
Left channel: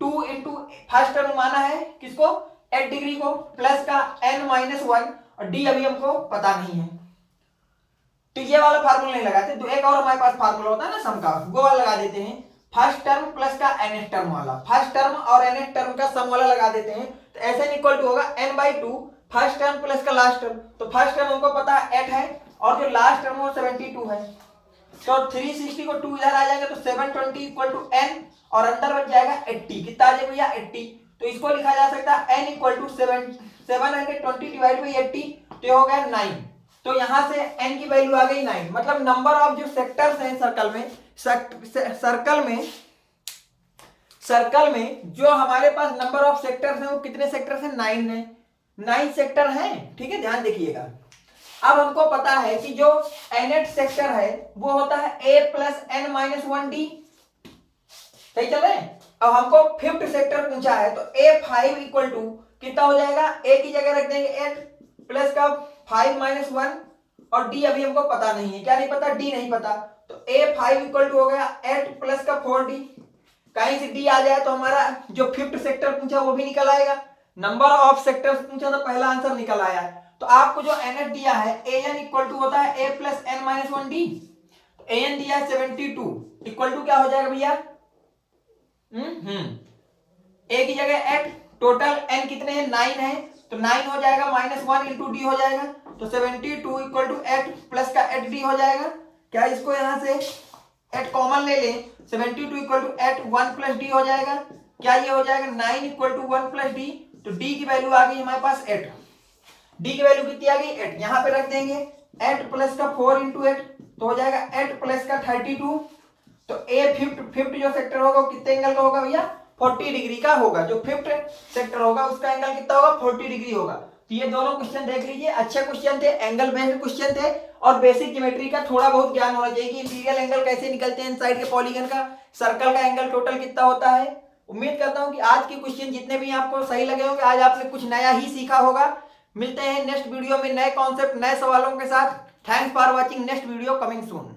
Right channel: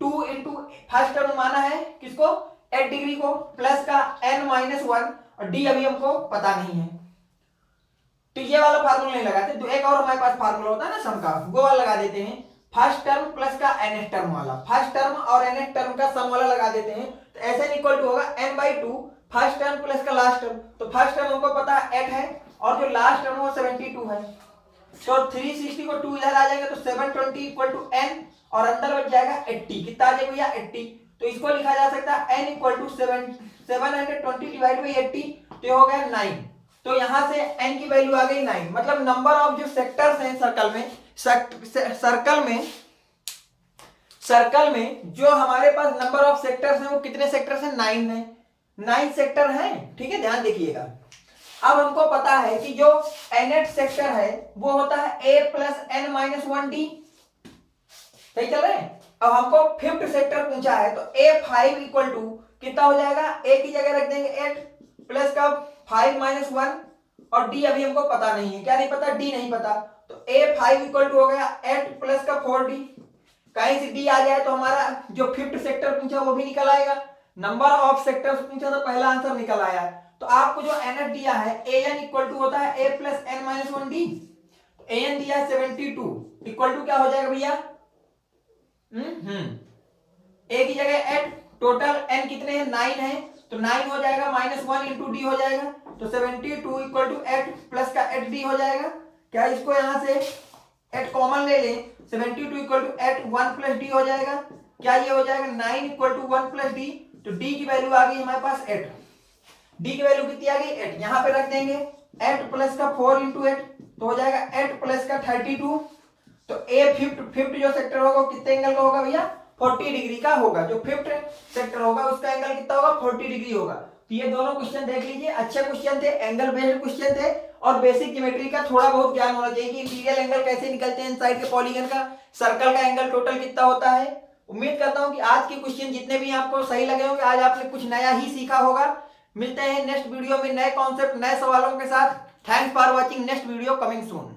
2 into first term माना है किसको, 8 डिग्री को, प्लस का n-1 और d अभी हमको पता नहीं है। तो ये वाला फार्मूला नहीं लगाते, तो एक और हमारे पास फार्मूला होता है ना सम का, वो वाला लगा देते हैं। फर्स्ट टर्म प्लस का nth टर्म वाला, फर्स्ट टर्म और nth टर्म का सम वाला लगा देते हैं। तो Sn इक्वल टू होगा n/2 फर्स्ट टर्म प्लस का लास्ट टर्म। तो फर्स्ट टर्म हमको पता 8 है और जो लास्ट टर्म वो 72 है। तो 360 को 2 इधर आ जाएगा तो 720 इक्वल टू n और अंदर बच जाएगा 80। कितना आ जाएगा भैया 80। तो इसको लिखा जा सकता है n equal to 720 divide by 80, तो हो गया 9। तो यहां से n की वैल्यू आ गई 9। मतलब नंबर ऑफ जो सेक्टर्स हैं सर्कल में जो हमारे पास नंबर ऑफ सेक्टर्स हैं वो कितने सेक्टर्स हैं, 9 है। 9 सेक्टर हैं, ठीक है, ध्यान देखिएगा। अब हमको पता है कि जो nth सेक्टर है वो होता है a प्लस n-1d। सही चल रहे हैं। अब हमको फिफ्थ सेक्टर पूछा है, तो a5 इक्वल टू कितना हो जाएगा, a की जगह रख देंगे 8 प्लस का 5-1 और d अभी हमको पता नहीं है। क्या नहीं पता, d नहीं पता। तो a5 इक्वल टू हो गया 8 प्लस का 4d। कहीं से d आ जाए तो हमारा जो फिफ्थ सेक्टर पूछा वो भी निकल आएगा। नंबर ऑफ सेक्टर्स पूछा तो पहला आंसर निकल आया है। तो आपको जो nth दिया है an इक्वल टू होता है a प्लस n-1d। an दिया 72 इक्वल टू क्या हो जाएगा भैया, a की जगह 8, टोटल n कितने हैं 9 है, तो 9 हो जाएगा -1 इंटू डी हो जाएगा। तो 72 इक्वल टू 8 प्लस का 8d हो जाएगा। क्या इसको यहां से 8 कॉमन ले लें, 72 इक्वल टू 8 1 प्लस डी हो जाएगा। क्या ये हो जाएगा 9 इक्वल टू 1 प्लस डी। तो d की वैल्यू आ गई हमारे पास 8। d की वैल्यू कितनी आ गई 8, यहां पे रख देंगे 8 प्लस का 4 इंटू 8 तो हो जाएगा 8 प्लस का 32। तो ए फिफ्थ जो सेक्टर होगा वो कितने एंगल का होगा भैया 40 डिग्री का होगा। जो फिफ्थ सेक्टर होगा उसका एंगल कितना होगा 40 डिग्री होगा। तो ये दोनों क्वेश्चन देख लीजिए, अच्छे क्वेश्चन थे, एंगल बेस्ड क्वेश्चन थे और बेसिक ज्योमेट्री का थोड़ा बहुत ज्ञान होना चाहिए कि इंटीरियर एंगल कैसे निकलते हैं इनसाइड के पॉलीगन का, सर्कल का एंगल टोटल कितना होता है। उम्मीद करता हूं कि आज के क्वेश्चन जितने भी आपको सही लगे होंगे, आज आपने कुछ नया ही सीखा होगा। मिलते हैं नेक्स्ट वीडियो में नए कॉन्सेप्ट नए सवालों के साथ। Thanks for watching, next video coming soon.